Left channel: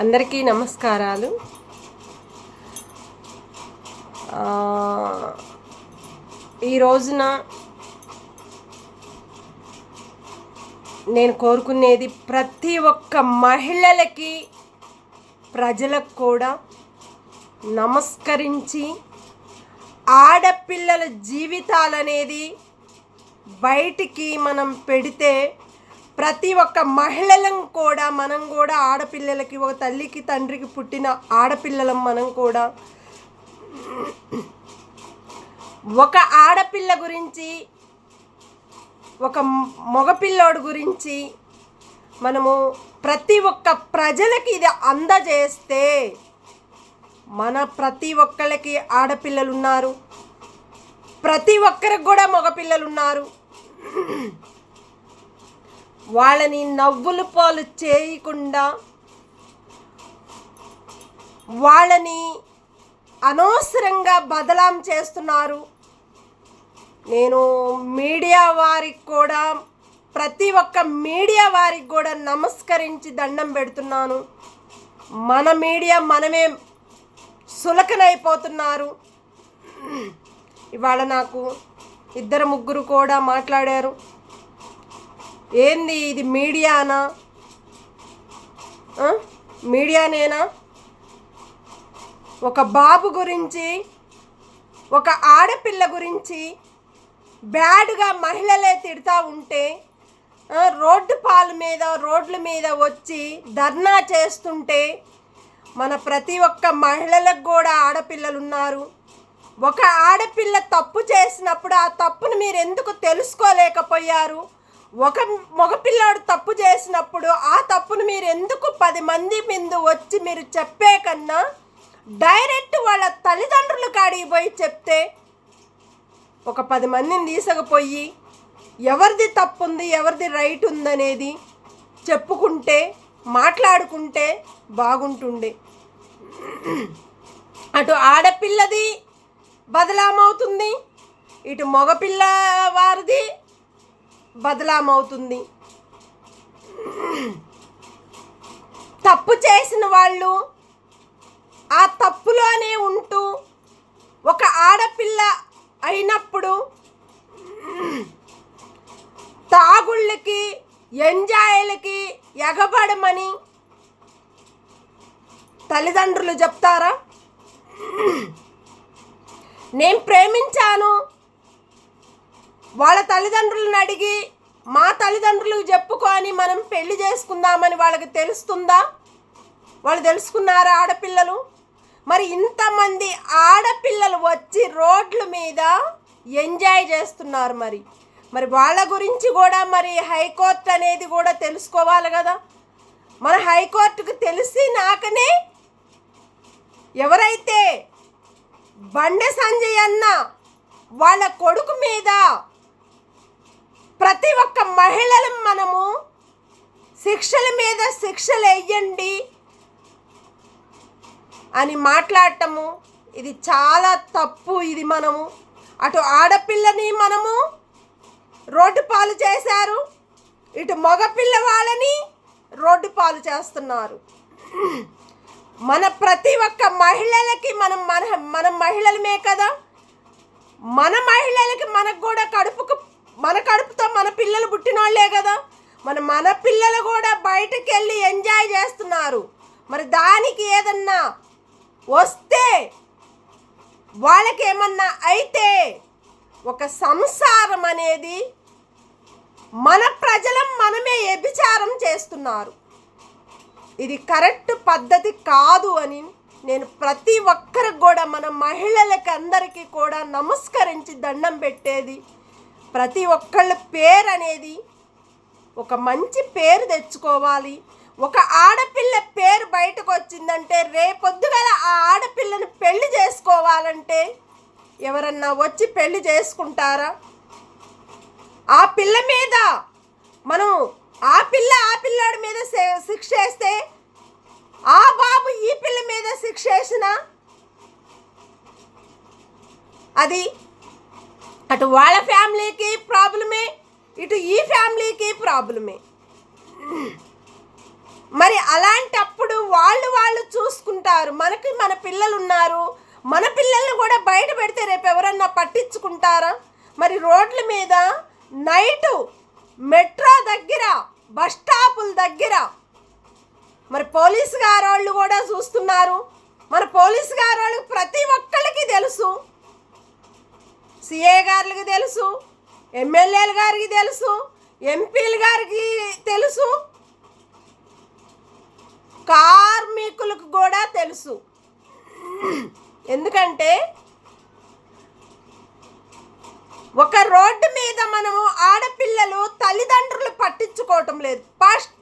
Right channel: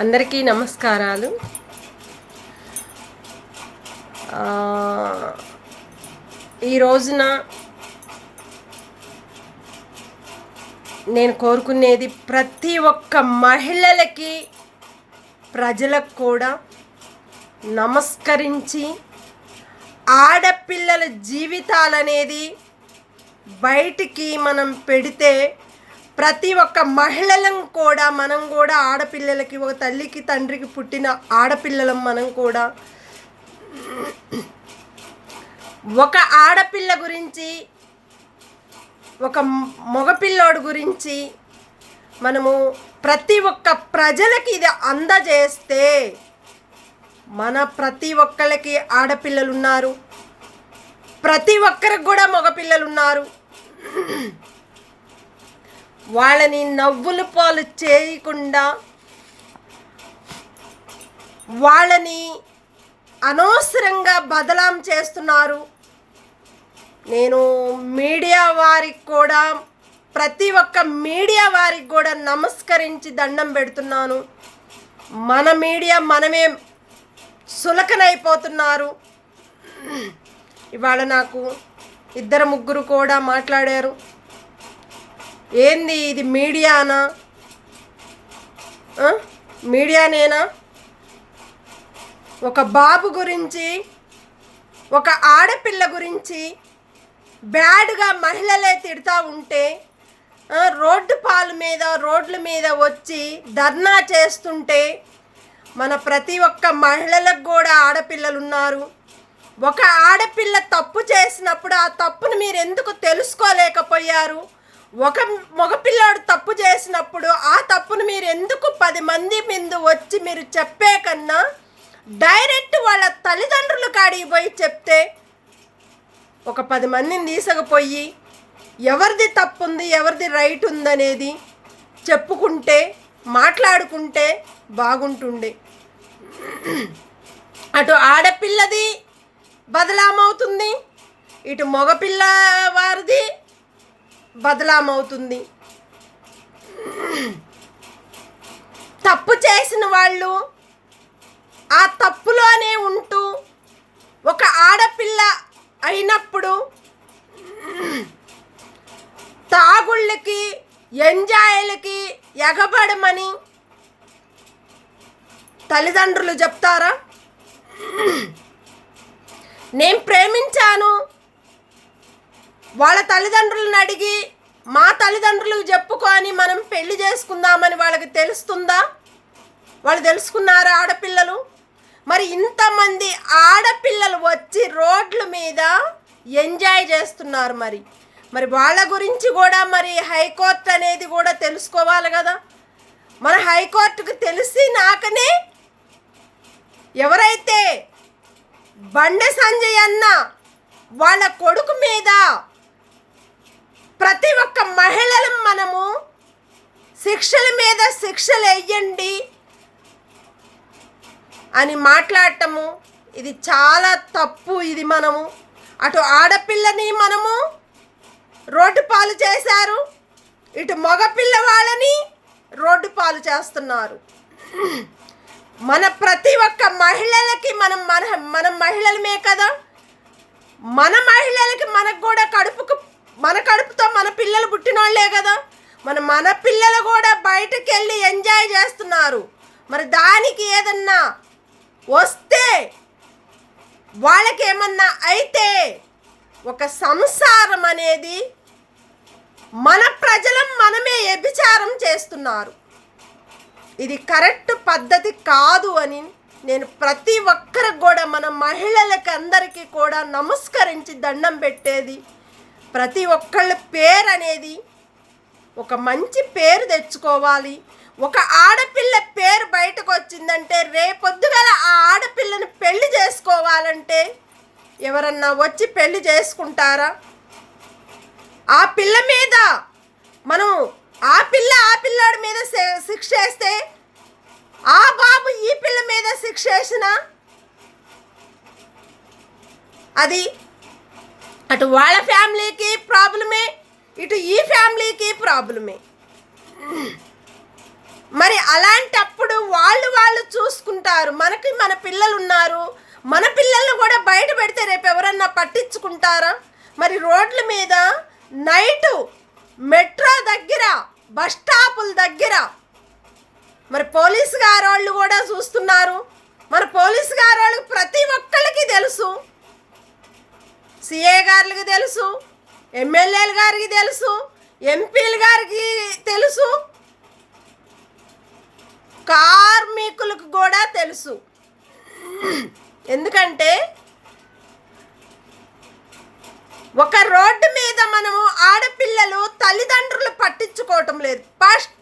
అందరికీ నమస్కారాలు. ఈ రోజున నేను కోరుకునేది ప్రతి ఒక్క మహిళలకి, ప్రజలకు కూడా నమస్కరించి ఆడపిల్లల జీవితాలనేది బయటికి మనం పెడితే ప్రతి ఒక్క మహిళలం కూడా మనం కూడా ఆడపిల్లలకి, ఒక తల్లికి తండ్రికి పుట్టిన ఆడపిల్లలం మనం కూడా ఒక ఆడపిల్ల గురించి, ఒక మగపిల్లోడు గురించి మనము ప్రతి ఒక్క ప్రజలకి ఇది అందజేస్తే మన ప్రతి ఒక్కరికి ఆడపిల్లలు ఉన్నారు, ప్రతి ఒక్కరికి కూడా మగపిల్లలు ఉన్నారు. వాళ్ళని నవ్వుల పాలు చేయకుండా, వాళ్ళని అనవసరంగా బదలాం చేస్తున్నారు. నేను మీడియా వారికి కూడా, ప్రతి ఒక్క మీడియా వారికి కూడా నమస్కరించి దండం పెడుతున్నాను. మన మీడియా మనమే సులకనైపోతున్నారు. ఇవాళ నాకు 2-3 కూడా మాట్లాడారు. ఏంది ఇది మీడియానా, మీడియానేనా? ఒక బాబు గురించి, ఒక ఆడపిల్ల గురించి బ్యాడ్గా మహిళలే తిడతా ఉంటే, రోడ్ల మీద వచ్చి ధర్నా చేస్తుంటే, మన ప్రతి ఒక్క మహిళలకు కూడా ఆడపిల్లలు ఉన్నారు. ఒక ఆడపిల్ల తప్పు చేసినప్పుడు ఆ తప్పును మీరు ఎందుకు తెలుసుకోలేకపోయారు? ఒక మగపిల్లాడు తప్పు చేసినప్పుడు ఆ తప్పును మీరు ఎందుకు 10 మంది ముందు వచ్చి మీరు చెప్పే కన్నా డైరెక్ట్ వాళ్ళ తల్లిదండ్రుల కాడికి పోయి చెప్తే, ఒక 10 మందిని తీసుకుపోయి ఎవరిది తప్పు ఉంది, ఎవరిది రైట్ ఉందనేది చెప్పుకుంటే, మాట్లాడుకుంటే బాగుంటుండే. అటు ఆడపిల్లది బదలామవుతుంది, ఇటు మగపిల్ల వారిది బదలామవుతుంది. తప్పు చేసిన వాళ్ళు ఆ తప్పులోనే ఉంటూ, ఒక ఆడపిల్ల అయినప్పుడు తాగుళ్ళకి, ఎంజాయ్లకి ఎగబడమని తల్లిదండ్రులు చెప్తారా? నేను ప్రేమించాను, వాళ్ళ తల్లిదండ్రులను అడిగి మా తల్లిదండ్రులకు చెప్పుకొని మనం పెళ్లి చేసుకుందామని వాళ్ళకి తెలుస్తుందా? వాళ్ళు తెలుసుకున్నారా ఆడపిల్లలు? మరి ఇంతమంది ఆడపిల్లలు వచ్చి రోడ్ల మీద ఎంజాయ్ చేస్తున్నారు. మరి వాళ్ళ గురించి కూడా మరి హైకోర్టు అనేది కూడా తెలుసుకోవాలి కదా. మన హైకోర్టుకు తెలిసి నాకనే ఎవరైతే బండి సంజయ్ అన్న వాళ్ళ కొడుకు మీద ప్రతి ఒక్క మహిళలను మనము శిక్షల మీద శిక్షలు వేయండి అని మాట్లాడటము ఇది చాలా తప్పు. ఇది మనము అటు ఆడపిల్లని మనము రోడ్డు పాలు చేశారు, ఇటు మగపిల్ల వాళ్ళని రోడ్డు పాలు చేస్తున్నారు. మన ప్రతి ఒక్క మహిళలకి మన మహిళలమే కదా, మన మహిళలకి మనకు కూడా మన కడుపుతో మన పిల్లలు పుట్టినోళ్లే కదా. మన పిల్లలు కూడా బయటకు వెళ్ళి ఎంజాయ్ చేస్తున్నారు. మరి దానికి ఏదన్నా వస్తే, వాళ్ళకి ఏమన్నా అయితే, ఒక సంసారం అనేది మన ప్రజలం మనమే వ్యభిచారం చేస్తున్నారు. ఇది కరెక్ట్ పద్ధతి కాదు అని నేను ప్రతి ఒక్కరికి కూడా, మన మహిళలకి అందరికీ కూడా నమస్కరించి దండం పెట్టేది, ప్రతి ఒక్కళ్ళ పేరు అనేది ఒక మంచి పేరు తెచ్చుకోవాలి. ఒక ఆడపిల్ల పేరు బయటకు వచ్చిందంటే రేపొద్దుగల ఆ ఆడపిల్లని పెళ్లి చేసుకోవాలంటే ఎవరన్నా వచ్చి పెళ్లి చేసుకుంటారా? ఆ పిల్ల మీద మనం ఆ పిల్లాడి మీద శిక్ష వేస్తే, ఆ బాబు ఈ పిల్ల మీద శిక్ష వేసిన అది అటు వాళ్ళ ఫ్యామిలీకి ప్రాబ్లమే, ఇటు ఈ ఫ్యామిలీకి ప్రాబ్లమే. మరి అలాంటప్పుడు వాళ్ళు చూసుకుంటారు. మనకి మన పిల్లలు ఉన్నారు, మన పిల్లల్ని కూడా బయట పెడితే రేపు ఎవరన్నా పట్టించుకుంటారా? మరి రోడ్ల మీద నైటు మెట్రో దగ్గర, బస్ స్టాపుల దగ్గర మరి పోలీసు గారోళ్ళు కూడా చూస్తున్నారు. మన పోలీసు గారోళ్ళకి ప్రతి ఒక్కళ్ళకి తెలుసు, సిఏ గారికి తెలుసు, ఎమ్మెల్యేల గారికి తెలుసు, ఎంపీల గారికి తెలుసు, కార్మికులకు కూడా తెలుసు. ఎందుకంటే ఒక రోడ్డు మీద మనము ఆడపిల్లలు తల్లిదండ్రులు పట్టించుకోవటం లేదు. ఫస్ట్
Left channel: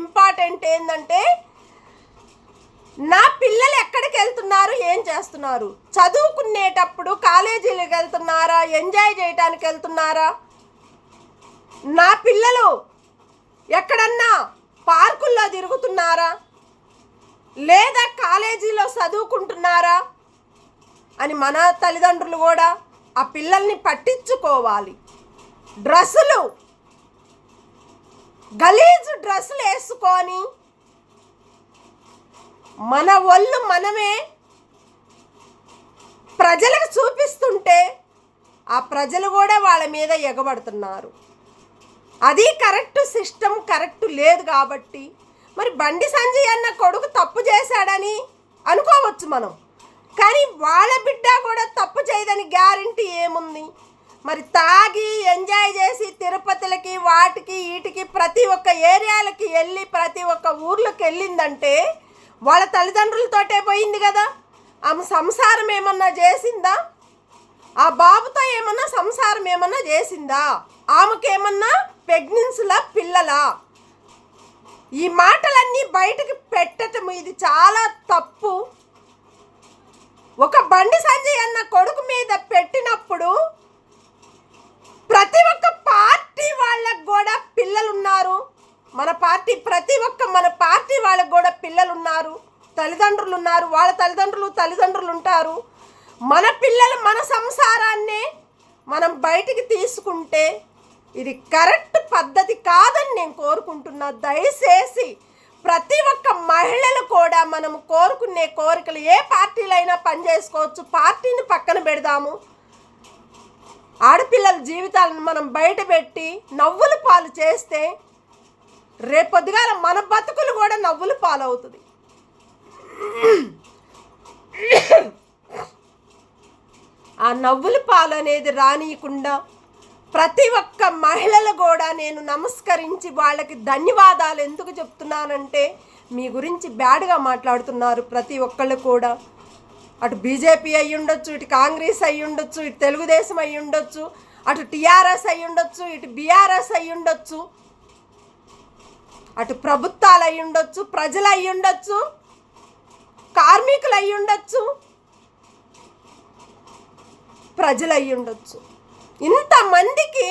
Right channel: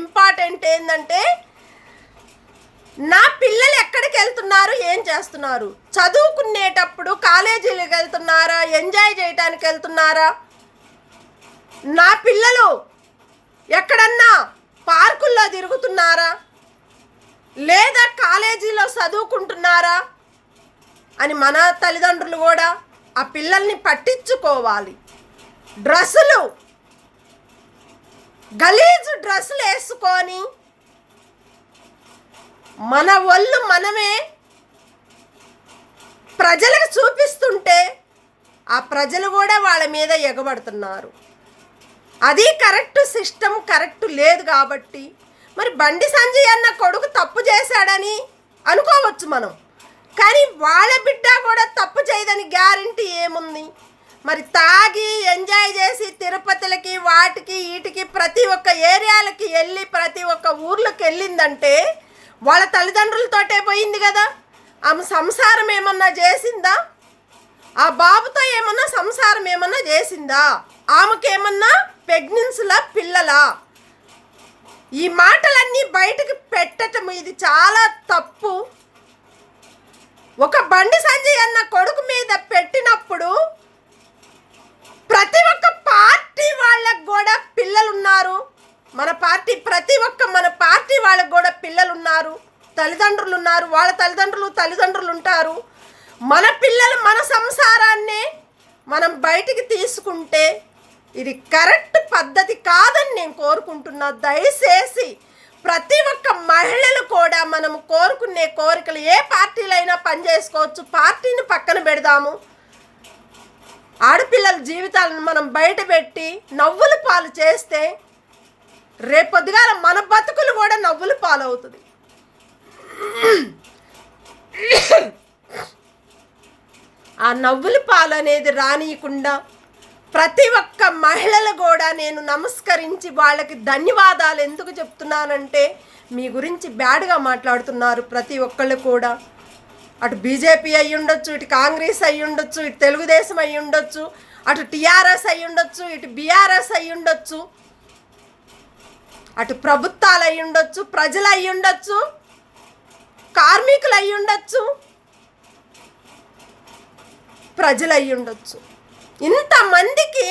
ఇంపార్టెంట్ ఏంటంటే నా పిల్లలు ఎక్కడికి వెళ్తున్నారు, ఏం చేస్తున్నారు, చదువుకునేటప్పుడు కాలేజీలకు వెళ్తున్నారా, ఎంజాయ్ చేయడానికి వెళ్తున్నారా, నా పిల్లలు ఎక్కడన్నా పార్కుల్లో తిరుగుతున్నారా, లేదా కాలేజీలో చదువుకుంటున్నారా అని మన తల్లిదండ్రులు కూడా ఆ పిల్లల్ని పట్టించుకోవాలి. డ్రెస్సులు, గలీజు డ్రెస్సులు వేసుకొని మన ఒళ్ళు మనమే ప్రజలకు చూపిస్తుంటే ఆ ప్రజలు కూడా వాళ్ళ మీద ఎగబడుతున్నారు. అది కరెక్ట్ సిస్టమ్ కరెక్ట్ లేదు. కాబట్టి మరి బండి సంజయ్ అన్న కొడుకు తప్పు చేశాడని అనుకోవచ్చు మనం, కానీ వాళ్ళ బిడ్డ కూడా తప్పు చేయదని గ్యారంటీ ఏముంది? మరి తాగి ఎంజాయ్ చేసి తిరుపతిలకి వాటికి వీటికి ప్రతి ఒక్క ఏరియాలకి వెళ్ళి ప్రతి ఒక్క ఊర్లోకి వెళ్ళిందంటే వాళ్ళ తల్లిదండ్రులతోటే పోయింది కదా. ఆమె సంసారం ఏమన్నా చేసిందా? ఆ బాబుతో ఏమన్నా సంసారం ఏమన్నా చేసిందా? ఆమెకేమన్నా ప్రెగ్నెన్సీల పిల్లలా? ఈ మాటలన్నీ బయటకు పెట్టటం ఇది చాలా తప్పు. ఒక బండి సంజయ్ అన్న కొడుకు మీద పెట్టినప్పుడు ప్రతి ఒక్క పార్టీ వాళ్ళకు కూడా పిల్లలు ఉన్నారు. మన పార్టీ ప్రతి ఒక్క మన పార్టీ వాళ్ళకు కూడా పిల్లలు ఉన్నారు, తల్లిదండ్రులు ఉన్నారు, వాళ్ళ తల్లిదండ్రులు ఉంటారు. మన పిల్లలు మన సంసారాన్నే మనం బయటికి తీసుకుంటే ఇది కరెక్ట్ పద్ధతి కాదని నేను కోరుకుంటున్నా. దయచేసి ప్రతి ఒక్క మహిళలు కూడా మనం కోరుకునే కోరికలు ఏ పార్టీలైనా పనిచేసుకోవచ్చు, పార్టీని పక్కన పెడదాము. ఆడపిల్లల జీవితాలను మనం బయట పెట్టి నవ్వుల పాలు చేస్తే రేపొద్దుగాల మన బతుకులు కూడా నవ్వుల పాలు అవుతుంది. ఆ నవ్వుల పాలు అనేది రానియకుండా ప్రతి ఒక్క మహిళలు కూడా నేను నమస్కరించి వాళ్ళకి ధన్యవాదాలు ఎందుకు చెప్తున్నానంటే మీ గురించి బ్యాడ్గా మాట్లాడుతున్నారు ప్రతి ఒక్కళ్ళు కూడా. అటు బీజేపీ అయి ఉండొచ్చు, ఇటు కాంగ్రెస్ అయి ఉండొచ్చు, ఇటు తెలుగుదేశం అయి ఉండొచ్చు, అటు టీఆర్ఎస్ అయి ఉండొచ్చు, ఇటు బీఆర్ఎస్ అయి ఉండొచ్చు, అటు ప్రభుత్వాలు అయి ఉండొచ్చు, ప్రజలు అయి ఉండొచ్చు, కార్మికులు అయి ఉండొచ్చు, ప్రజలు అయి ఉండొచ్చు. ఇంతమందికి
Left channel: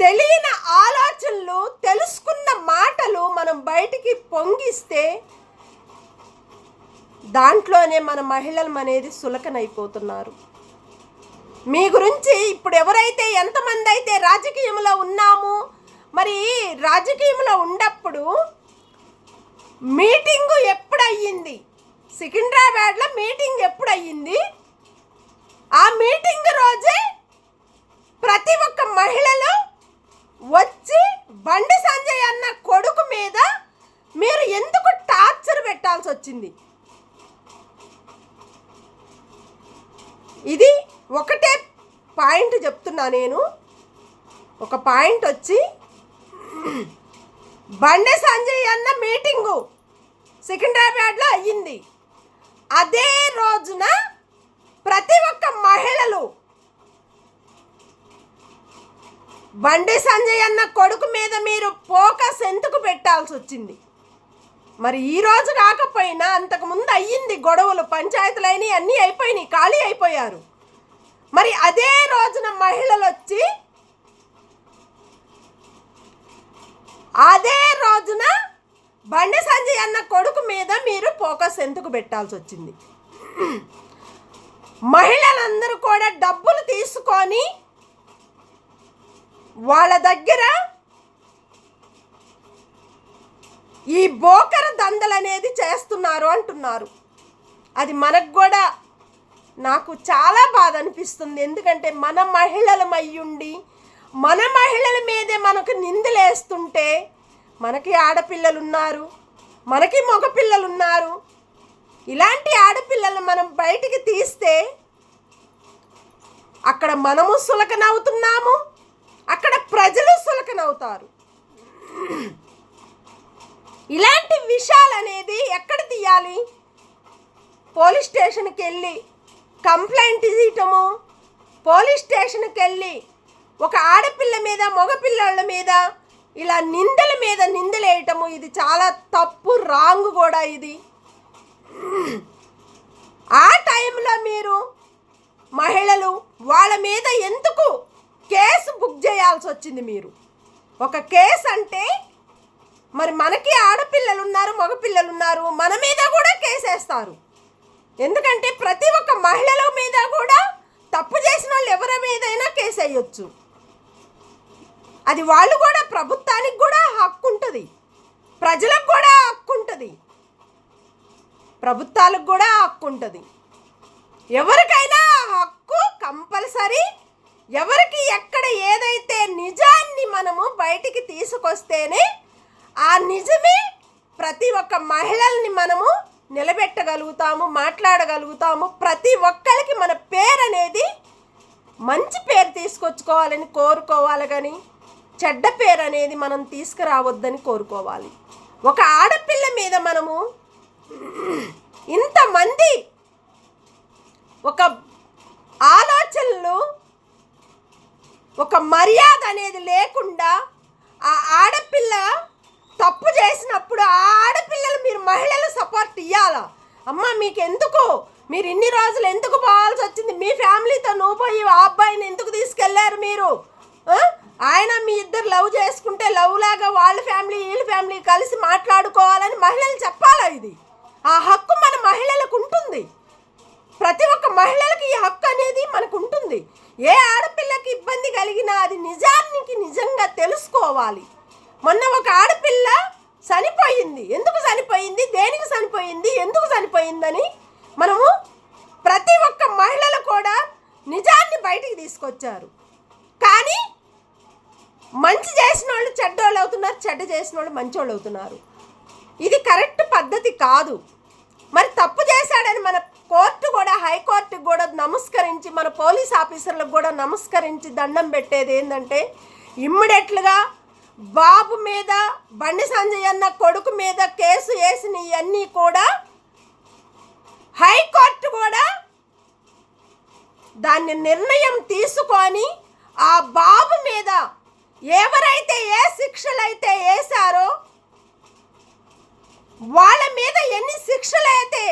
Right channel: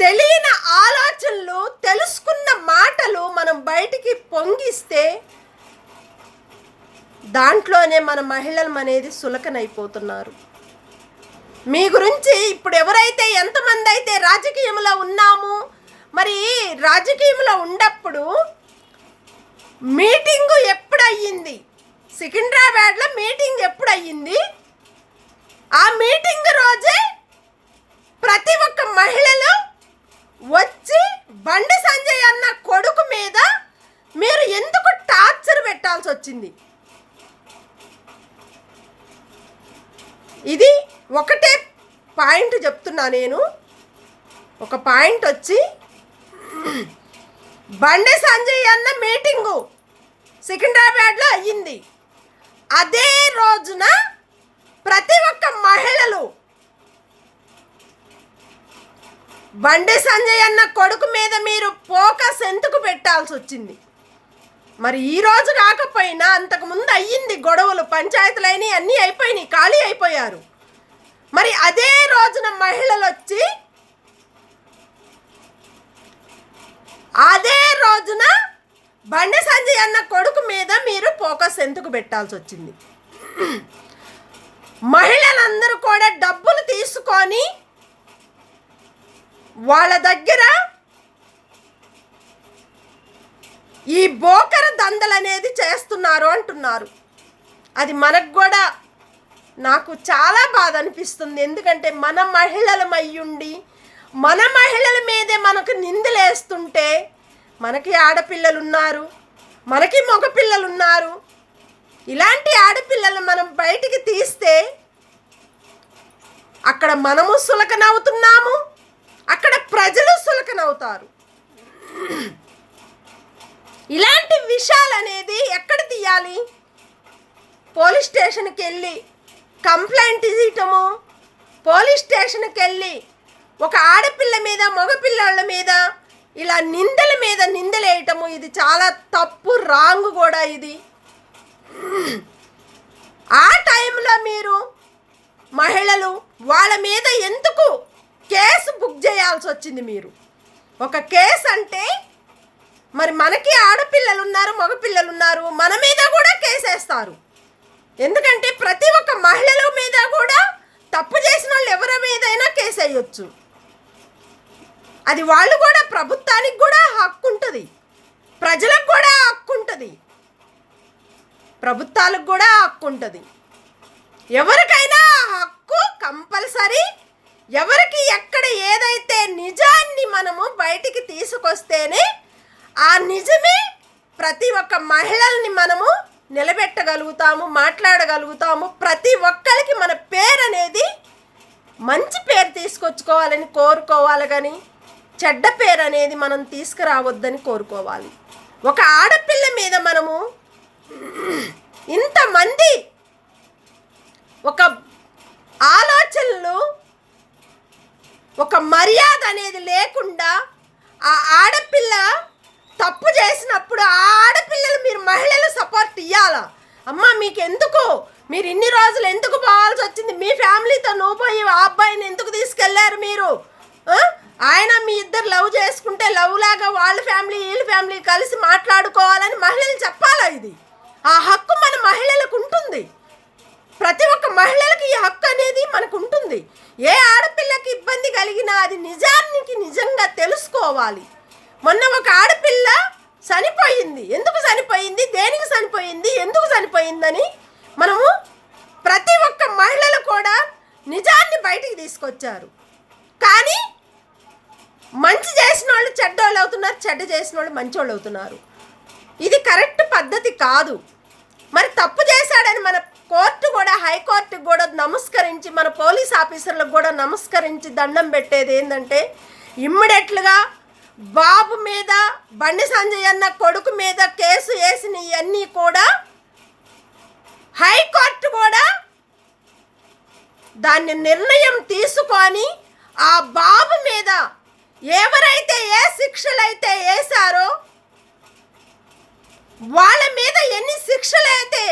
తెలియని ఆలోచనలు, తెలుసుకున్న మాటలు మనం బయటికి పొంగిస్తే దాంట్లోనే మన మహిళలు అనేది సులకనైపోతున్నారు. మీ గురించి ఇప్పుడు ఎవరైతే ఎంతమంది అయితే రాజకీయంలో ఉన్నాము, మరి రాజకీయంలో ఉన్నప్పుడు మీటింగు ఎప్పుడు అయ్యింది, సికింద్రాబాద్లో మీటింగ్ ఎప్పుడు అయ్యింది, ఆ మీటింగ్ రోజే ప్రతి ఒక్క మహిళలు వచ్చి బండి సంజయ్ అన్న కొడుకు మీద మీరు ఎందుకు టార్చర్ పెట్టాల్సి వచ్చింది? ఇది ఒకటే పాయింట్ చెప్తున్నా నేను. ఒక పాయింట్ వచ్చి బండి సంజయ్ అన్న మీటింగు సికింద్రాబాద్లో అయ్యింది. అదే రోజున ప్రతి ఒక్క మహిళలు బండి సంజయ్ అన్న కొడుకు మీద మీరు ఫోకస్ ఎందుకు పెట్టాల్సి వచ్చింది? మరి ఈ రోజు కాకపోయినా అంతకుముందు అయ్యింది గొడవలు, పంచాయతీలైనవి అన్నీ అయిపోయినాయి, ఖాళీ అయిపోయారు. మరి అదే రోజున మహిళలు వచ్చి అదే రోజున బండి సంజయ్ అన్న కొడుకు మీద మీరు ఫోకస్ ఎందుకు పెట్టాల్సి వచ్చింది? మహిళలందరూ కూడా డబ్బులు తీసుకొని వాళ్ళ దగ్గర ఈ బోకర దందలు అనేది చేస్తున్నారు అంటున్నారు. అది మనకు కూడా నాకు చాలా బాధ అనిపిస్తుంది. ఎందుకంటే మన మహిళలం అయ్యుండి మన మహిళల మీదే మనకు నిందలేస్తుంటే, మనకి ఆడపిల్లలు ఉన్నారు, మనకి మగపిల్లలు ఉన్నారు. ఇలాంటి ఆడపిల్లలు మనం బయటికి తీస్తే అక్కడ మనము సులకనవుతున్నాము, అక్కడ ప్రజలు సులకనవుతారు. ఇలాంటి విషయాలు అనేది ఎక్కడ తీయాలి? పోలీస్ స్టేషన్కి వెళ్ళి కంప్లైంట్ ఇవ్వటము, పోలీస్ స్టేషన్కి వెళ్ళి ఒక ఆడపిల్ల మీద మగపిల్లల మీద ఇలా నిందల మీద నిందలేయటము, ఇది చాలా తప్పు, రాంగ్ కూడా ఇది. ఆ టైంలో మీరు మహిళలు వాళ్ళ మీద ఎందుకు కేసు బుక్ చేయాల్సి వచ్చింది? మీరు ఒక కేసు అంటే మరి మనకి ఆడపిల్లలు ఉన్నారు, మగపిల్లలు ఉన్నారు, మన మీద కూడా కేసేస్తారు. ఎందుకంటే ప్రతి ఒక్క మహిళల మీద కూడా తప్పు చేసిన వాళ్ళు ఎవరి మీదైనా కేసు వేయొచ్చు. అది వాళ్ళు కూడా, ప్రభుత్వానికి కూడా హక్కు ఉంటుంది, ప్రజలకు కూడా హక్కు ఉంటుంది, ప్రభుత్వాలకు కూడా హక్కు ఉంటుంది. ఎవరికైనా హక్కు కంపల్సరీ. ఎవరికి ఎక్కడ ఏదైతే నిజాన్ని మనము బయటికి తీసుకొస్తేనే ఆ నిజమే ప్రతి ఒక్క మహిళల్ని మనము నిలబెట్టగలుగుతాము, మాట్లాడగలుగుతాము. ప్రతి ఒక్కరికి మన పేరు అనేది మంచి పేరు తీసుకొచ్చుకోవాలని కోరుకోవాలి, కానీ చెడ్డ పేరు అనేది మనం తీసుకురావద్దని కోరుకోవాలి. ఒక ఆడపిల్ల మీద మనము ఇంతమంది ఒక ఆలోచనలు, ఒక మర్యాద అనేది లేకుండా ఆ ఆడపిల్ల తప్పు చేసినప్పుడు ఆ ఆడపిల్లలు మీరు మహిళలు సపోర్ట్ ఇవ్వాలా? అమ్మ మీకు ఎందుకు, మీరు ఇన్ని రోజులు ఎందుకు పోవాల్సి వచ్చింది? మీ ఫ్యామిలీతో నువ్వు పోయి ఆ అబ్బాయిని ఎందుకు తీసుకెళ్లారు మీరు? ఆయన మీ ఇద్దరు లవ్ చేసుకుంటే లవ్ లాగా వాళ్ళ ఫ్యామిలీ వీళ్ళ ఫ్యామిలీ కలిసి మాట్లాడుకోవాలని మహిళలు చెప్పాలా? ఇది ఆ హక్కు మన మహిళలకు ఉంటుంది. ప్రతి ఒక్క మహిళలకి ఈ హక్కు అనేది మనకు ఉంటుంది. ఏ ఆడపిల్లకి ఇబ్బంది కలిగినా అది నిజానికి నిజంగా తెలుసుకోవాలి. మొన్న ఒక ఆడపిల్ల చనిపోయింది. ఎందుకు చనిపోయింది, దేనికి చనిపోయింది, ఎందుకు చనిపోయిందని మనము ప్రతి ఒక్క మహిళలు కూడా నిజాన్ని బయటికి తీసుకొచ్చారు. కానీ మంచి చేసిన వాళ్ళు చెడ్డోళ్ళు అవుతున్నారు, చెడ్డ చేసిన వాళ్ళు మంచోళ్ళు అవుతున్నారు. ఇది కరెక్ట్ పద్ధతి కాదు. మరి తప్పు చేశాడని మన కోర్టు కూడా, హైకోర్టుకు కూడా నమస్కరించి, మన పోలీస్ ఆఫీసర్లకు కూడా నమస్కరించి దండం పెట్టేది ఏంటంటే, ఇమ్మీడియట్లుగా బాబు మీద, బండి సంజయ్ అన్న కొడుకు మీద కేసు వేసిన ఇవన్నీ కూడా హైకోర్టు కూడా దాన్ని నిర్ణయం తీసుకొని ఆ బాబు మీద ఎవరైతే ఏ శిక్షలైతే వేశారో వాళ్ళ మీద ఎన్ని శిక్షలైతే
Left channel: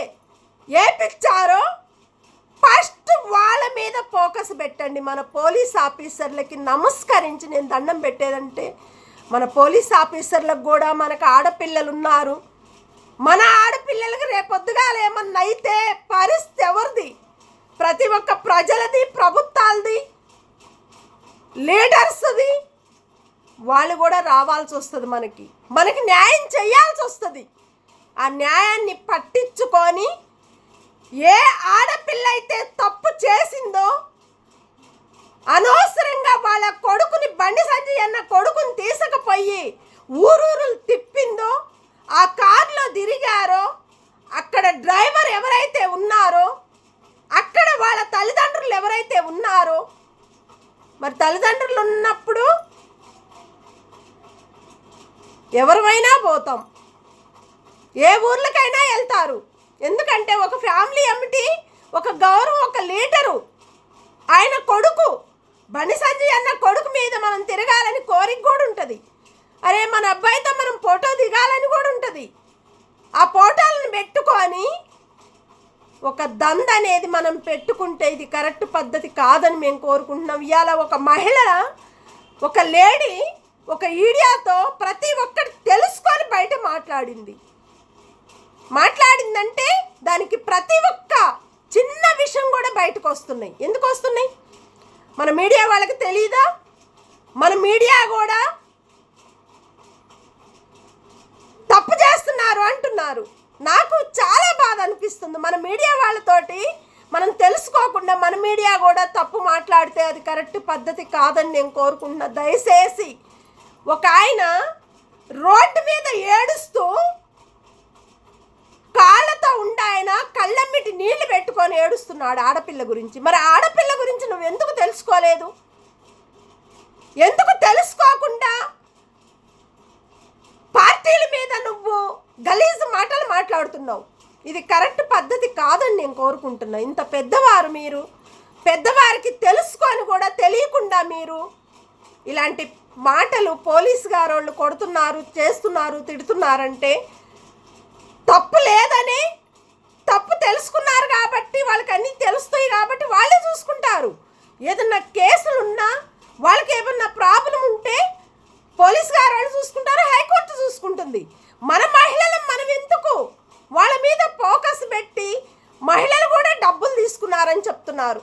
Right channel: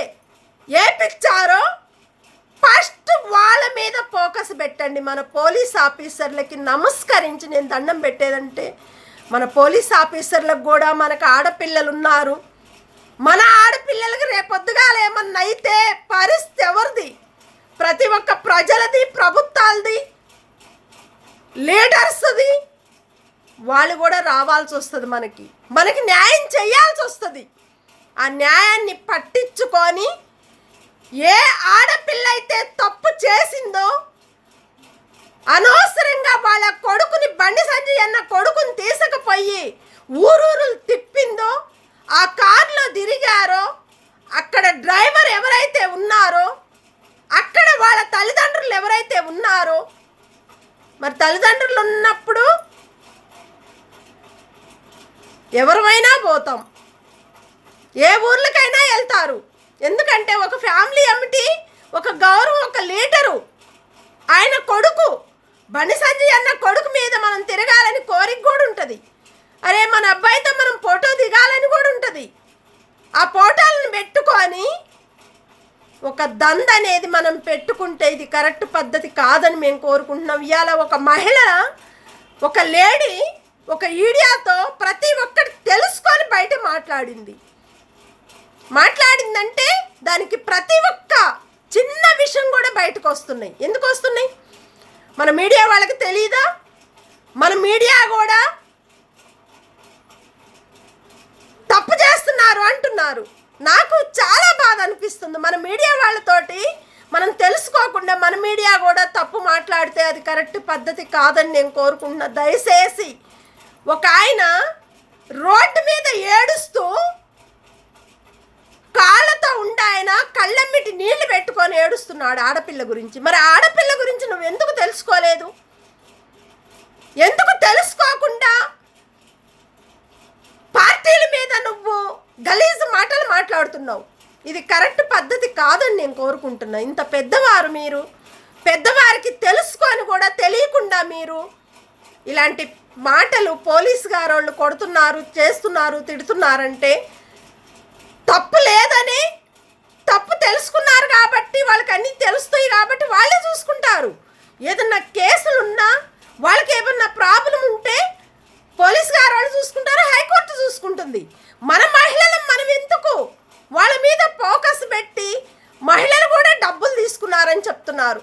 వేపించారో ఫస్ట్ వాళ్ళ మీద ఫోకస్ పెట్టండి. మన పోలీస్ ఆఫీసర్లకి నమస్కరించి నేను దండం పెట్టేదంటే, మన పోలీస్ ఆఫీసర్లకు కూడా మనకు ఆడపిల్లలు ఉన్నారు. మన ఆడపిల్లలకి రేపొద్దుగాల ఏమన్నా అయితే పరిస్థితి ఎవరిది? ప్రతి ఒక్క ప్రజలది, ప్రభుత్వాలది, లీడర్స్ది. వాళ్ళు కూడా రావాల్సి వస్తుంది, మనకి న్యాయం చేయాల్సి వస్తుంది. ఆ న్యాయాన్ని పట్టించుకొని ఏ ఆడపిల్ల అయితే తప్పు చేసిందో, అనవసరంగా వాళ్ళ కొడుకుని, బండి సంజయ్ అన్న కొడుకుని తీసుకుపోయి ఊరూరు తిప్పిందో, ఆ కారులో తిరిగారో, అక్కడ డ్రైవర్ ఎవరైతే ఉన్నారో, అక్కడ వాళ్ళ తల్లిదండ్రులు ఎవరైతే ఉన్నారో, మరి తల్లిదండ్రులు ఉన్నప్పుడు ఎవరిమైనా పోతాం, ఏ ఊర్లకైనా వెళ్తారు. ఎందుకంటే ఒక ఫ్యామిలీ అమిటి, ఒక గౌరవం, ఒక లీడరు, ఆయన కొడుకు బండి సంజయ్ అన్న కొడుకు మీద మనం తిరగాలని కోరిక కూడా ఉంటుంది. అరే మన అబ్బాయితో మనం ఫోటో దిగాలని కూడా ఉంటుంది. ఆ ఫోటోలను పెట్టుకొని ఒక దంద అనేది మనం పెట్టుకుంటే ఇది కరెక్ట్ పద్ధతి కాదని మేము కోరుకుంటున్నాం. ఇవాళ ఒక మహిళ, ఒక లేడీ ఒక ఈడియాతో ప్రతి ఒక్కటి తెలుసుకొని బయట మాట్లాడిందంటే దానికి ప్రతి ఒక్క చిన్న విషయం కూడా బయటకు వస్తున్నాయి. ఎందుకు వస్తున్నాయి? మన మీడియా వాళ్ళకి తెలియదా? మన మీడియా కూడా తప్పు చేస్తున్నారు అంటున్నారు. నాకు చాలా బాధ అనిపిస్తుంది. మన మీడియా వాళ్ళతోటి మనం తెలుసుకోకుండా మన మీడియా కూడా తప్పు మాట్లాడితే అది కరెక్ట్ పద్ధతి కాదని నేను కోరుకుంటున్నా. దయచేసి ఒక ఆయన రోడ్డు మీద ఏడుస్తూ కాళ్ళతో ఆయన కళ్ళమ్మిటి నీళ్లు పెట్టుకొని ఏడుస్తున్నాడు ఆడపిల్ల గురించి. మరి ఆడపిల్ల గురించి నువ్వు ఎందుకు తెలుసుకోలేదు? ఎందుకు తెలుసుకోకుండా పార్టీల మీద నువ్వు గలీజు మాటలు మాట్లాడుతున్నావు? ఇది కరెక్ట్ పద్ధతి కాదని నేను కోరుకుంటున్నా. ఇంత పెద్దవారు మీరు, పెద్దవారికి తెలుసుకొని కూడా తెలియకుండా మీరు ఇలాంటి మాటలు పోలీసు గారు వాళ్ళు కొడుతున్నారు, చేస్తున్నారు, తిడుతున్నారంటే తప్పు లేదని, తప్పు తెలుసుకున్నారు కాబట్టి వాళ్ళకి అన్నీ తెలుస్తాయి కాబట్టి వాళ్ళే చూసుకుంటారు. ఏదన్నా కేసులున్నా వాళ్ళకి ఏమన్నా ప్రాబ్లం ఉంటే పోలీసు గారు వాళ్ళు చూసుకుంటారు, హైకోర్టు చూసుకుంటుంది. మన మహిళలు మనం ఎందుకు వాళ్ళ మీద ఫోకస్ పెట్టి మహిళలు కూడా డబ్బులు తీసుకున్నారని చెప్తున్నారు.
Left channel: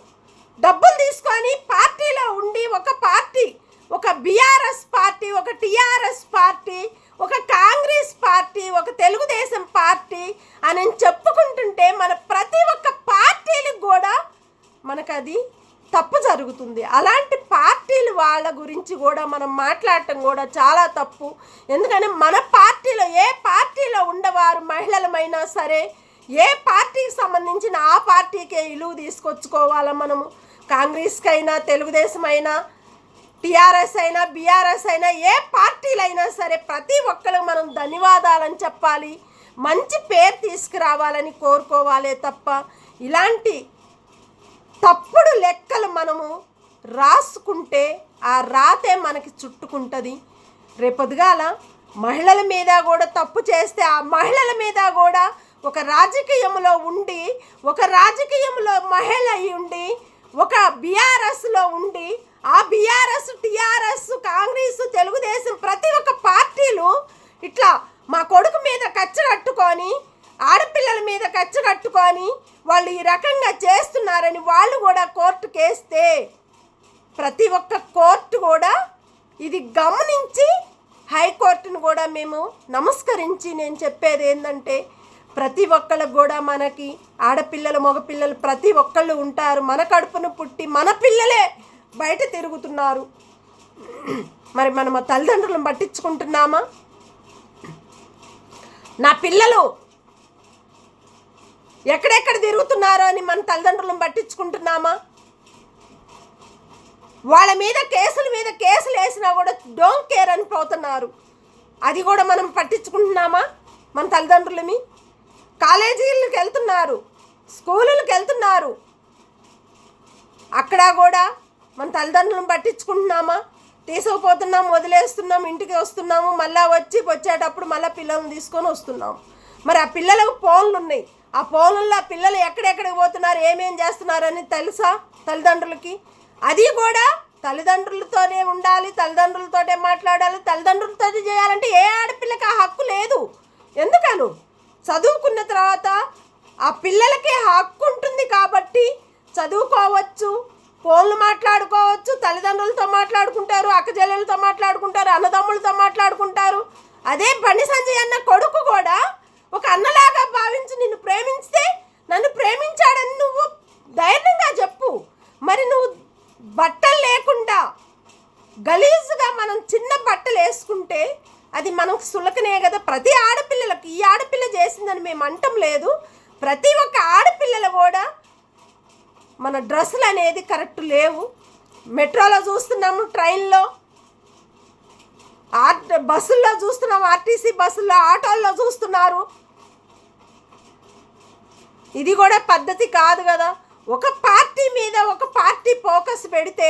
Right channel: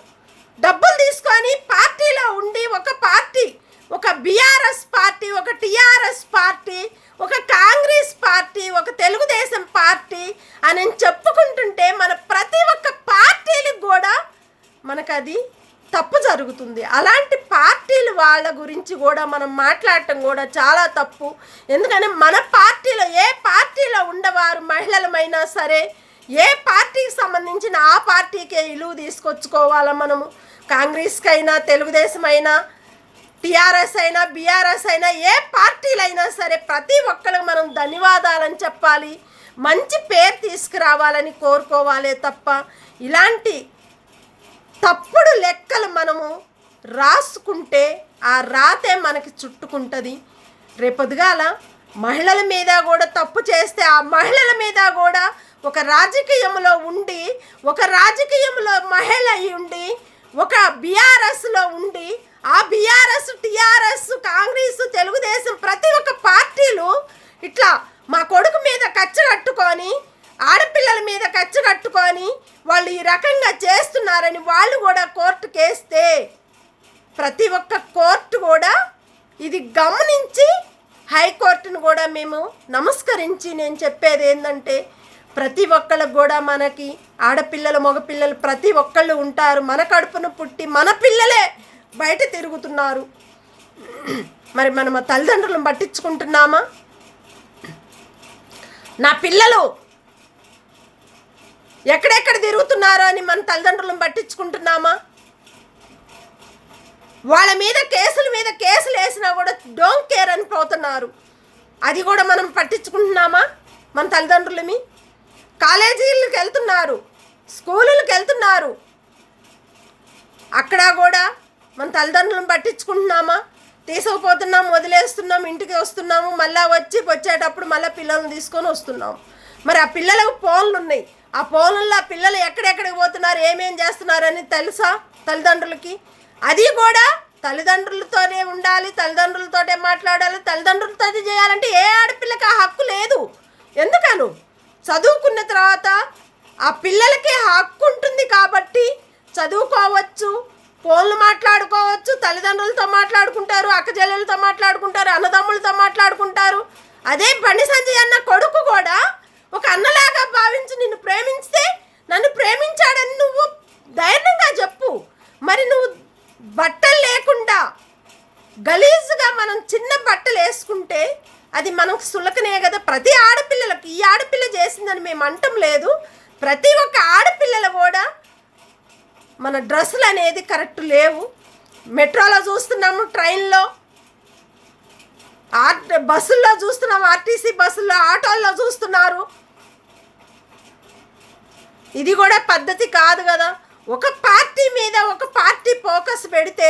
డబ్బులు తీసుకొని పార్టీలో ఉండి ఒక పార్టీ, ఒక బీఆర్ఎస్ పార్టీ, ఒక టీఆర్ఎస్ పార్టీ, ఒక కాంగ్రెస్ పార్టీ, ఒక తెలుగుదేశం పార్టీ అని చెప్పుకుంటుంటే మన ప్రతి ఒక్క పార్టీలకు కూడా మనకు అది తప్పు జరుగుతుంది. అలాంటి పార్టీలు వాళ్ళ గురించి కూడా మనం మాట్లాడటం కూడా చాలా తప్పు. ఎందుకంటే మన పార్టీలో, ఏ పార్టీలో ఉండవారు మహిళలమైనా సరే, ఏ పార్టీకి సంబంధించిన ఆ పార్టీకే విలువ తీసుకొచ్చుకోవాలా మనము. కాంగ్రెస్కి అయినా, తెలుగుదేశం అయినా, టీఆర్ఎస్ అయినా, బీఆర్ఎస్ అయినా, ఏ పార్టీలైనా సరే ప్రతి ఒక్కరికి మనం ధన్యవాదాలని చెప్పాలి, మంచి పేరు తీసుకురావాలని కోరుకోవాలే తప్ప ఇలాంటి తప్పుడు లెక్కలు మనము రాసుకుంటే ఆ రాతే మనకి చుట్టుకుంటుంది. రేపొద్దుగాల మహిళల మీద కూడా తప్పు చేస్తే ఆ మహిళల మీద కూడా ఒక రాజకీయంలో ఉండి, ఒక రాజకీయంలో మహిళ అయి ఉండి, ఒక బీఆర్ఎస్లో ఉండి, ఆ బీఆర్ఎస్, టీఆర్ఎస్, కాంగ్రెస్, తెలుగుదేశం ప్రతి ఒక్క పార్టీలు ఇట్లా మా కొడుకు మీద కచ్చ కట్టుకొని, ఆడపిల్లల మీద కచ్చ కట్టుకొని వాళ్ళు ఈ రకంగా చేస్తున్నారని వాళ్ళు కూడా కోర్టుకు వేస్తే ప్రతి ఒక్క కోర్టు కూడా ఇది గమనించి, హైకోర్టును కూడా మేము నమస్కరించి నేను చెప్పేది ఏంటంటే ప్రతి ఒక్కళ్ళకు కూడా మనకి ఆడపిల్లలు, మగపిల్లలు ప్రతి ఒక్కళ్ళు ఉంటారు. మన కడుపును పుట్టి మన పిల్లలే బయట తిరుగుతున్నారు. మరి మనం ఆ తల్లిదండ్రులను పట్టించుకుంటున్నామా? నా పిల్లలు ఎక్కడెక్కడ తిరుగుతున్నారో అని మన తల్లిదండ్రులను పట్టించుకుంటున్నామా? వాళ్ళ మీద కేసుల మీద కేసులు వేసినా కూడా డోంట్ కేర్ అని పోతున్నారు. అది కూడా మనం పట్టించుకుంటున్నామా? మన తల్లిదండ్రులమి కాలేజీలకు వెళ్తున్నారు, స్కూళ్ళకి వెళ్తున్నారు, అక్కడ కూడా మన తల్లిదండ్రులను పట్టించుకుంటున్నామా? తీసుకుపోతున్నాం, వదిలేస్తున్నాం, ఇంటికి వస్తున్నాము, మళ్ళీ వచ్చేటప్పుడు మళ్ళీ పిల్లల్ని తీసుకొని వస్తున్నాము. మరి ఆ పిల్లలకు ఫోన్లు ఉన్నాయి, ఆ ఫోన్లలో ఆ పిల్లలు ఎక్కడెక్కడికి పోతున్నారు, ఏమేం చేస్తున్నారని తెలుసా తల్లిదండ్రులకి? అది కూడా తల్లిదండ్రులతోనే ఉండాలి, తల్లిదండ్రులతోనే మాట్లాడాలి, తల్లిదండ్రులతో చేయాలంటే ఏ ఆడపిల్లకి ఆ హక్కు లేదు. ఎందుకను చదువుకున్న తర్వాత ఆ పిల్లలకి హక్కు ఉంటుంది కాబట్టి చదువుకోవచ్చు, ఫోన్లు మాట్లాడుకోవచ్చు, తల్లిదండ్రులతో మాట్లాడుకుంటారు, అక్కచెల్లెలతో మాట్లాడుకుంటారు, అన్నదమ్ములతో మాట్లాడుకుంటారు. అదే బండి సంజయ్ అన్న కొడుకు కూడా ఒక అన్నలాగా భావించి నిన్ను ప్రేమిస్తే నన్ను ప్రేమించాడని నువ్వు ధైర్యంగా చెప్పు. మరి నువ్వు బట్టలు లేకుండా గలీజుగా మనం చిన్న బట్టలు వేసుకుంటే అది మనకు సులకనే కదా. ప్రతి ఆడపిల్లలకు ఈ ఆడపిల్ల చేసిందని మేము అంటం లేదు, ప్రతి ఒక్క ఆడపిల్లలు కూడా మన డ్రెస్సులు అనేది కరెక్ట్ లేవు. మెట్రోలో చూస్తున్నాము, ట్రైన్లో, బస్సుల్లో చూస్తున్నాము, ఆర్టీసీ బస్సుల్లో, ఆటోల్లో చూస్తున్నారు. ఇది కూడా పద్ధతి కాదు కదా. ఒక పార్టీ మీద ఒక పార్టీ ఫోకస్ పెడితే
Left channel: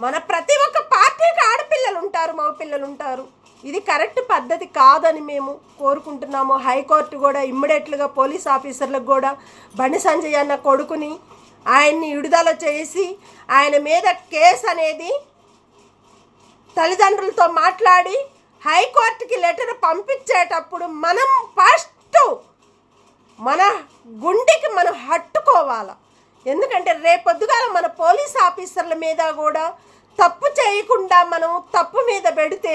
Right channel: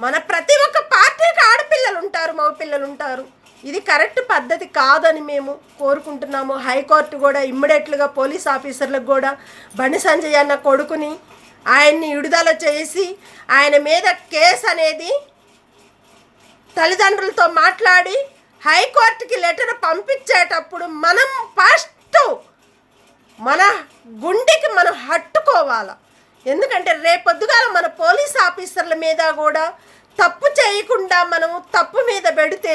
మన ప్రతి ఒక్క పార్టీకి ఆడపిల్లలు ఉంటారు, మగపిల్లలు ఉంటారు. ఇది కరెక్ట్ పద్ధతి కాదని మేము కోరుకుంటున్నాము. హైకోర్టు కూడా ఇమ్మీడియట్లుగా పోలీస్ ఆఫీసర్లకు కూడా బండి సంజయ్ అన్న కొడుకుని ఆయన్ని విడుదల చేసి ఆయన మీద కేసు అనేది తల్లిదండ్రులతో మాట్లాడి హైకోర్టుకి లెటర్ పంపించేటప్పుడు మనం ఫస్ట్ మన గుండెకి మనం హత్తుకోవాలి. ఎందుకంటే రేపొద్దుగాల మన పోలీస్ ఆఫీసర్ల మీద కూడా తప్పు చేయకుండా మనం తప్పు మీద పెడితే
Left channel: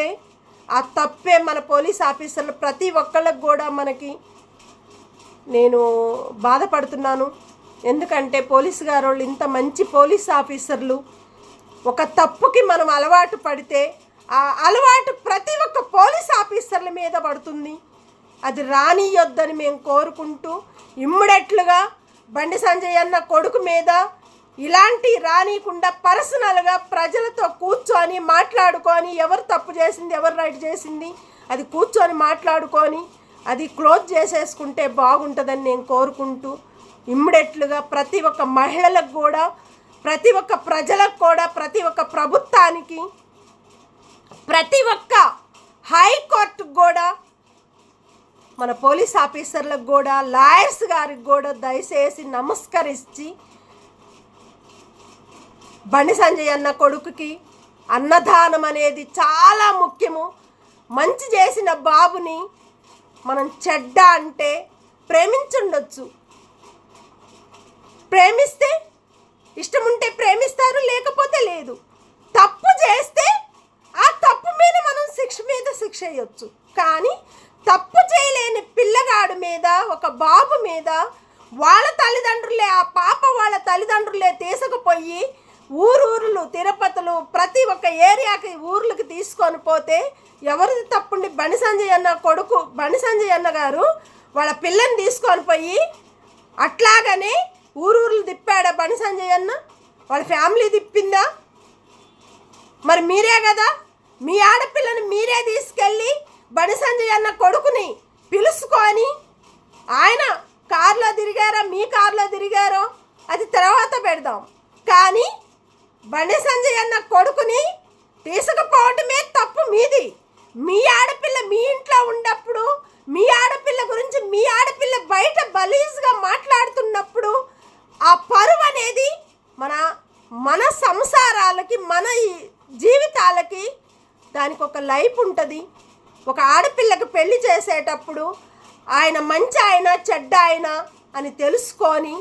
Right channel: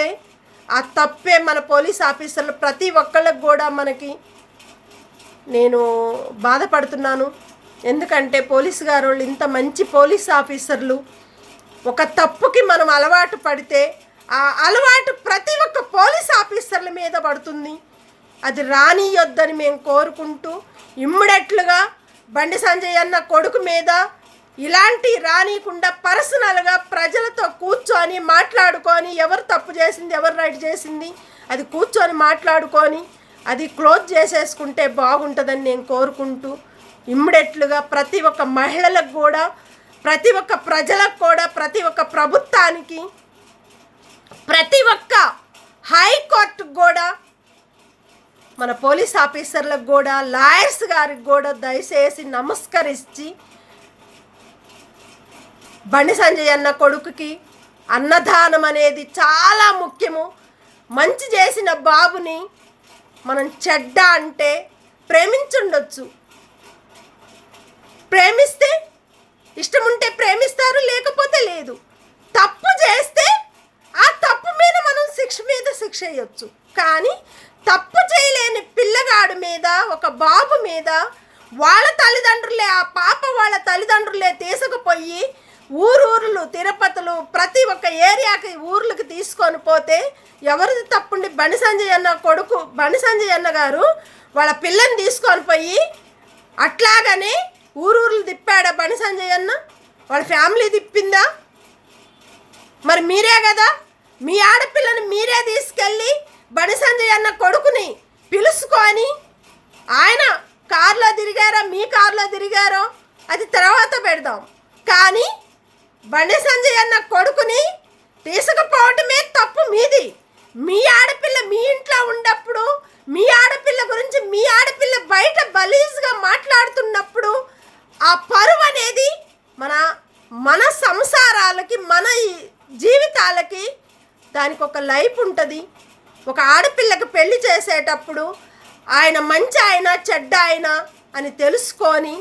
ఆ తప్పే మన పోలీస్ ఆఫీసర్లు ప్రతి ఒక్కళ్ళకి కూడా నేను బాధపడుతున్నాను. ఎందుకంటే పోలీసు గారు వాళ్ళు ఇంత మంచి పోలీస్ ఆఫీసర్లు, ఒక తప్పుకి మనం అలవాటు పడితే ఆ అలవాటు ప్రతి ఒక్క పోలీస్ ఆఫీసర్ల మీద పడుతుంది. అది రానియొద్దని మేము కోరుకుంటూ ఇమ్మీడియట్లుగా బండి సంజయ్ అన్న కొడుకు మీద ఇలాంటి రానియకుండా పర్సనల్గా ప్రజలతో కూర్చొని మాట్లాడుకొని ఎవరు తప్పు చేసింది ఎవరు రైట్ చేసింది అది కూర్చొని మాట్లాడుకొని అది క్లోజ్ చేసేసుకుంటే బాగుంటుందని నేను కోరుకుంటూ ఇమ్మీడియట్లుగా ప్రతి ఒక్క మహిళలకు కూడా, ప్రతి ఒక్క ప్రజలకు కూడా, ప్రతి ఒక్క ప్రభుత్వానికి, ప్రతి ఒక్క హైకోర్టుకు కూడా, మన పోలీస్ ఆఫీసర్లకు కూడా, లాయర్స్ గారికి కూడా దయచేసి నమస్కరించి బండి సంజయ్ అన్న కొడుకుకి అన్నదానం అనేది చాలా ముఖ్యము. మంచి చేసిన బాబుని మనం చెడ్డ అంటే ప్రేమించుండొచ్చు, ప్రేమిస్తే ఇష్టం ఉంటే ప్రేమిస్తారు, లేకపోతే లేదు. తప్పు చేస్తే ఆ తప్పు మీద మనం శిక్ష వేయొచ్చు. కానీ తప్పు చేయలేని పిల్లగాడు మీద, ఒక బాబు మీద వాళ్ళ తల్లిదండ్రులే, ఆ పాప వాళ్ళ తల్లిదండ్రులే తీసుకుపోయి ఊరూరులు, తిరుపతులు, ప్రతి ఒక్క ఏరియాకి ఊర్లకు తీసుకొని పోతే ఎవరిది తప్పుండి? బండి సంజయ్ అన్న కొడుకు, బండి సంజయ్ అన్న గారు వాళ్ళ పిల్లని తీసుకొని పోయి అట్లాగనే ఊరూరులు తిప్పాడా బండి సంజయ్ అన్న? వాళ్ళ ఫ్యామిలీ తిప్పిందా? మరి మీరే కదా, మీ ఆడపిల్లని మీరే తీసుకెళ్ళి బండి సంజయ్ అన్న కొడుకుని పిలుచుకొని ఆయన కారులో తిరిగారో మీ కారులో తిరిగారో అది తర్వాత పెడదాం. కానీ బండి సంజయ్ అన్న కొడుకుని తీసుకుపోవటమే తప్పు మీది. మీ ఆడపిల్ల మీ ఇంట్లో ఉన్నప్పుడు, మీ ఆడపిల్ల గురించి మీ ఆడపిల్ల బయట బలీజ్గా మాట్లాడుతున్నప్పుడు ఆ పరువు అనేది మన సంసారాలకి, మన జీవితాలకి దానికి ఒక లైఫ్ ఉంటుంది. ఒక ఆడపిల్లకి పెళ్లి చేసేటప్పుడు ఆయన మంచి ఆయన చెడ్డ ఆయన అని తెలుసుకొని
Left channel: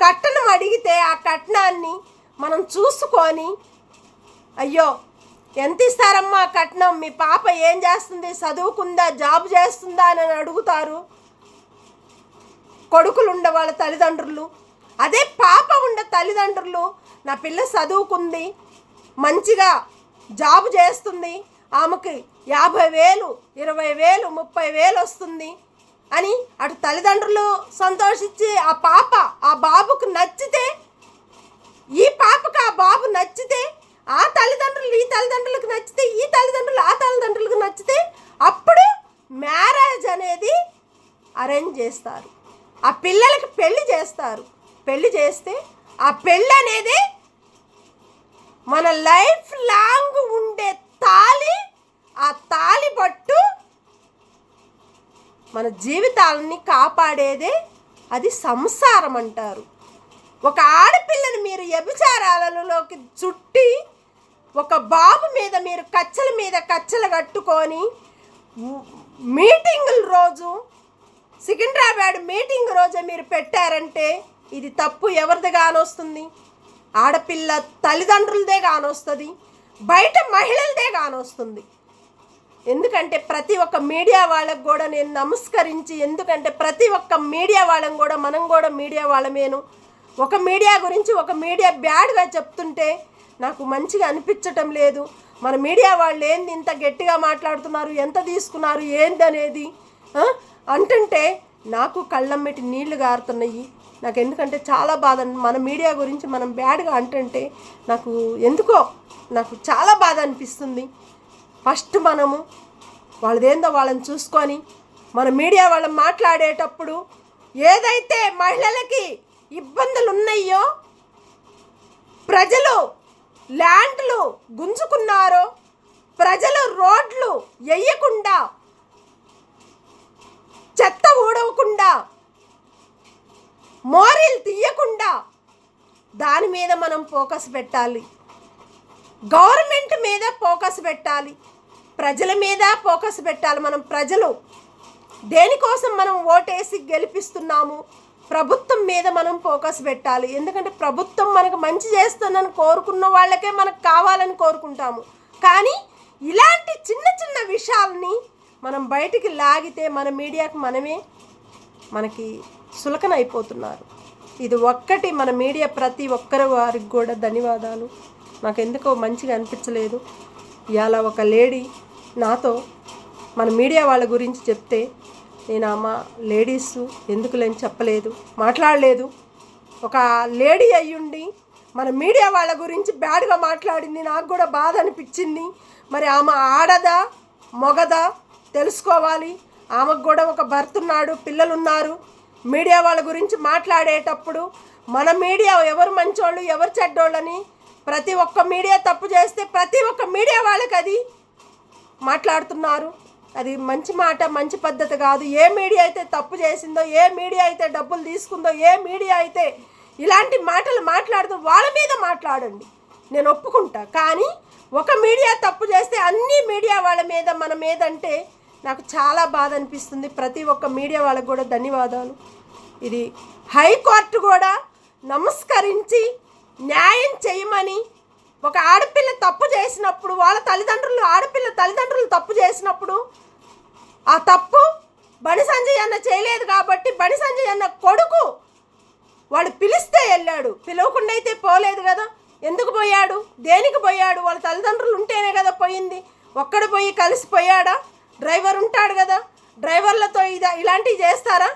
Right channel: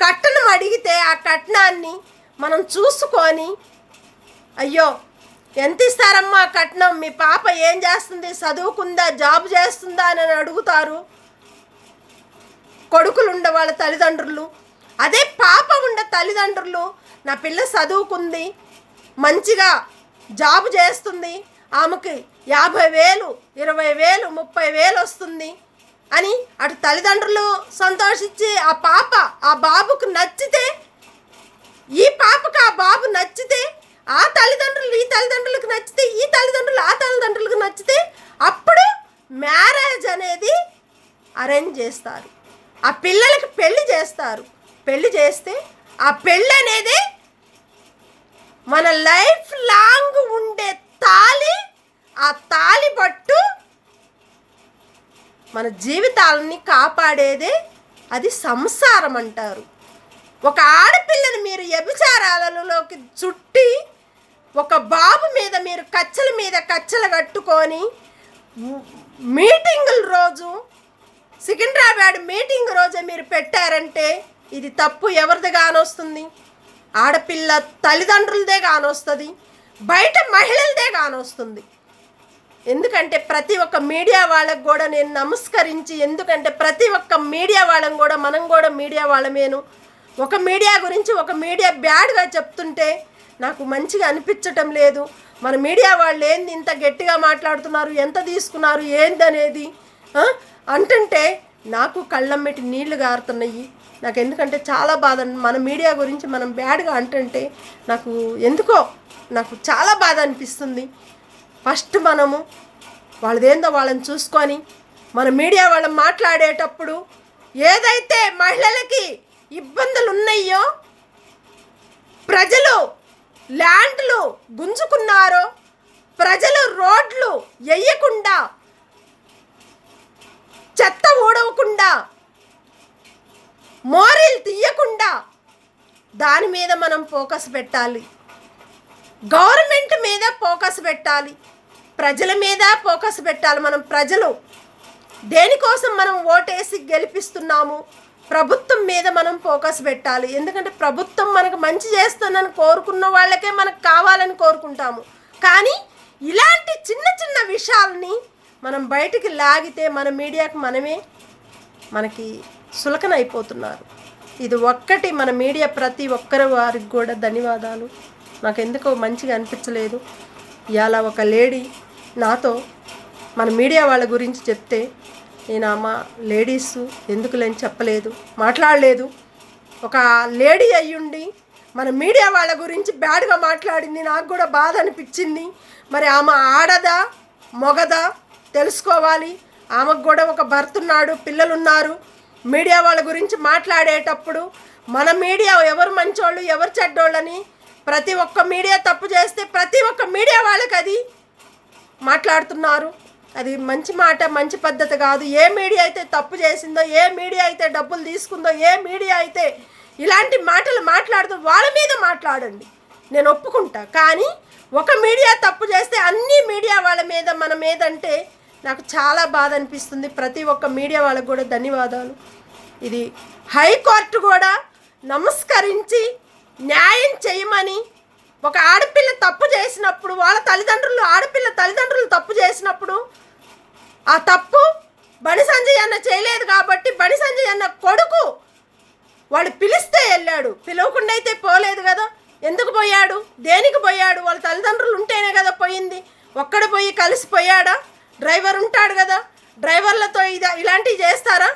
కట్నం అడిగితే ఆ కట్నాన్ని మనం చూసుకొని, అయ్యో ఎంత ఇస్తారమ్మా కట్నం, మీ పాప ఏం చేస్తుంది, చదువుకుందా, జాబ్ చేస్తుందా అని అడుగుతారు కొడుకులు ఉండే వాళ్ళ తల్లిదండ్రులు. అదే పాప ఉండే తల్లిదండ్రులు, నా పిల్ల చదువుకుంది, మంచిగా జాబ్ చేస్తుంది, ఆమెకి 50,000, 20,000, 30,000 వస్తుంది అని అటు తల్లిదండ్రులు సంతోషించి ఆ పాప ఆ బాబుకు నచ్చితే, ఈ పాపకు ఆ బాబు నచ్చితే, ఆ తల్లిదండ్రులు ఈ తల్లిదండ్రులకు నచ్చితే, ఈ తల్లిదండ్రులు ఆ తల్లిదండ్రులకు నచ్చితే అప్పుడు మ్యారేజ్ అనేది అరేంజ్ చేస్తారు. ఆ పిల్లలకి పెళ్లి చేస్తారు. పెళ్లి చేస్తే ఆ పెళ్ళి అనేది మన లైఫ్ లాంగ్ ఉండే తాళి. ఆ తాళి పట్టు మన జీవితాలని కాపాడేదే అది సంసారం అంటారు. ఒక ఆడపిల్లని మీరు వ్యభిచారాలలోకి చుట్టి ఒక బాబు మీద మీరు కచ్చల మీద కచ్చలు కట్టుకొని మీటింగుల రోజు, సికింద్రాబాద్ మీటింగ్ రోజే మీరు పెట్టారంటే ఇది తప్పు ఎవరిది కానొస్తుంది? ఆడపిల్ల తల్లిదండ్రులదే కానొస్తుంది, బయట మహిళలదే కానొస్తుంది. ఎందుకంటే ప్రతి ఒక్క మీడియా వాళ్ళకు కూడా నేను నమస్కరించి, ఎందుకంటే ప్రతి ఒక్క మీడియా వాళ్ళని కూడా, మనం కూడా మీడియా వాళ్ళమేను. ఒక మీడియా గురించి ఒక మీడియా బ్యాడ్గా చెప్తుంటే నాకు మంచిగా అనిపించటం లేదు. మన మీడియా వాళ్ళు ఏంది ఇంత గట్టిగా మాట్లాడుతున్నారు, ఎంత తీసుకున్నారు ఏందనేది అంటుంటే నాకు కళ్ళమ్మటి నీళ్లు గారుతున్నాయి. నాకు ఎందుకంటే చాలా బాధ. మన మీడియా గురించి మనం బ్యాడ్గా అంటుంటే నాకు ఎందుకో నాకు చాలా బాధ అనిపిస్తుంది. ఫస్ట్ మనము వాళ్ళదేందో వాళ్ళని చూసుకొని మన మీడియా వాళ్ళని మాట్లాడేటప్పుడు ఏదైతే మహిళలకి ఇబ్బందులు ఉన్నాయో, ప్రజలు ల్యాండ్లు గుంజుకున్నారో, ప్రజలు రోడ్లు వేయకుండా, చెత్త ఊడవకుండా, మోరీలు తీయకుండా దాని మీద మనం ఫోకస్ పెట్టాలి. గవర్నమెంట్ మీద ఫోకస్ పెట్టాలి, ప్రజల మీద ఫోకస్ పెట్టాలి. మనం ప్రజలు దేనికోసం మనం ఓటేసి గెలిపిస్తున్నాము, ప్రభుత్వం మీద మనం ఫోకస్ పెట్టాలి. ఎందుకంటే ప్రభుత్వం మనకు మంచి చేస్తుందని కోరుకున్న వాళ్ళకే మనకు కావాలని కోరుకుంటాము. కానీ ఇలాంటి చిన్న చిన్న విషయాల్ని మనం బయటికి లాగితే మన మీడియాకి మనకి సులకన అయిపోతున్నారు. ఇది ఒక్కటి మన మీడియా ప్రతి ఒక్కరి వారికి కూడా ధన్యవాదాలు. నాకు ఎందుకో మంచిగా అనిపించలేదు. ఇవాళ ఒక లేడీ నాతో మన మీడియా వాళ్ళ గురించి చెప్తే నేను లేడీస్ ఎందుకులేని చెప్పలేదు, మాట్లాడలేదు. ఒక లేడీ అయ్యుండి మన మీడియా వాళ్ళ గురించి బ్యాడ్గా మాట్లాడింది. నాకు కూడా బాధ అనిపించింది. మరి ఆమె ఆడదా మొగదా తెలుసుకోవాలి. ఆమెకు కూడా ఒక భర్త ఉన్నాడు, పిల్లలు ఉన్నారు. మీడియా వాళ్ళ గురించి మాట్లాడేటప్పుడు మన మీడియా ఎవరు మంచోళ్ళు ఎవరు చెడ్డోళ్ళని ప్రతి ఒక్క మీడియా తప్పు చేస్తే ప్రతి ఒక్క మీడియా వాళ్ళకి అది మాట్లాడుతున్నారు. అది మంచి మాట, మంచి పద్ధతి కాదు. ఏ మీడియా అయితే తప్పు చేసిందో, ఏ మీడియా అయితే డబ్బులు తీసుకుందో, ఏ మీడియా అయితే ఇలాంటి మాటలు మాట్లాడుతూ వాళ్ళ మీద మాట్లాడండి, నేను ఒప్పుకుంటా. కానీ ఒక మీడియా తప్పు చేస్తే అన్ని మీడియా వాళ్ళ మీద మన మీద అంటే నాకు చాలా బాధ అనిపిస్తుంది. ప్రతి ఒక్క మీడియా వాళ్ళకు కూడా ధన్యవాదాలు. ఇది హైకోర్టు కూడా నమస్కరించి న్యాయం చేయమని, ఒక ఆడపిల్ల తప్పు చేసినప్పుడు వాళ్ళ ఆడపిల్ల తల్లిదండ్రులు తప్పు చేసినప్పుడు ఆ తప్పు బండి సంజయ్ అన్న చేయలేదు కాబట్టి బండి సంజయ్ అన్న కొడుకు వాడు పిలిస్తే వెళ్ళాడు, పిలవకుండా అయితే పోలేదు కదా. ఎందుకు పోయాడు, దేనికి పోయాడు? వాళ్ళ తల్లిదండ్రులు ఉంటేనే కదా పోయింది. ఒక్కడ పోయి కలిసిపోయాడా? డ్రైవర్ ఉంటాడు కదా, డ్రైవర్లతో ఇలాంటివి చేస్తారా?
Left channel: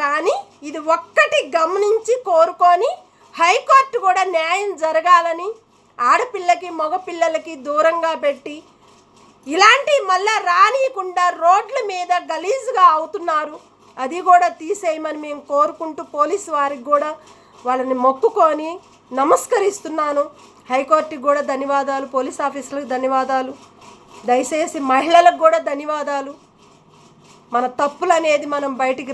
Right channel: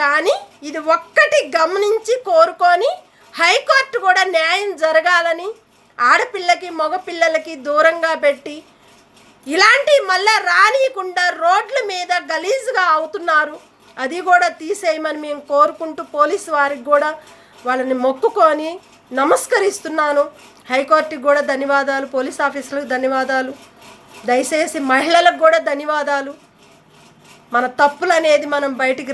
కానీ ఇది ఒక్కటి గమనించి కోరుకొని హైకోర్టు కూడా న్యాయం జరగాలని, ఆడపిల్లకి మగపిల్లలకి దూరంగా పెట్టి ఇలాంటి మళ్ళీ రానియకుండా రోడ్ల మీద గలీజ్గా అవుతున్నారు. అది కూడా తీసేయమని మేము కోరుకుంటూ పోలీసు వారికి కూడా వాళ్ళని మొక్కుకొని నమస్కరిస్తున్నాను. హైకోర్టుకి కూడా ధన్యవాదాలు, పోలీస్ ఆఫీసులకు ధన్యవాదాలు, దయచేసి మహిళలకు కూడా ధన్యవాదాలు. మన తప్పులు అనేది మనం బయటికి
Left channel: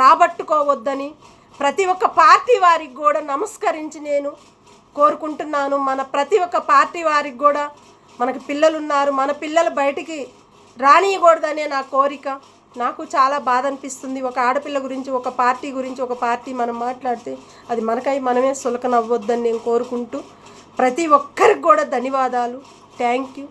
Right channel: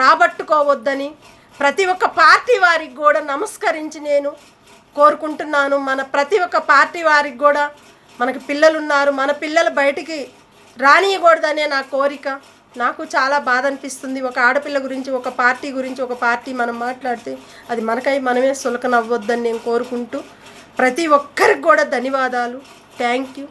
రాబట్టుకోవద్దని ప్రతి ఒక్క పార్టీ వారికి కూడా నమస్కరించి నేను కోరుకుంటున్నాను. మన ప్రతి ఒక్క పార్టీ వారికి కూడా మనకి పిల్లలు ఉన్నారు, మన పిల్లలు బయటికి రానియకూడదనే నా కోరిక. నాకు చాలా బాధ అనిపిస్తుంది. ఒక ఆడపిల్ల గురించి ఒక పార్టీ మనం మాట్లాడితే అది మనమే సులకన అవ్వద్దని నేను కోరుకుంటూ ప్రతి ఒక్కరికి కూడా ధన్యవాదాలు. Thank you.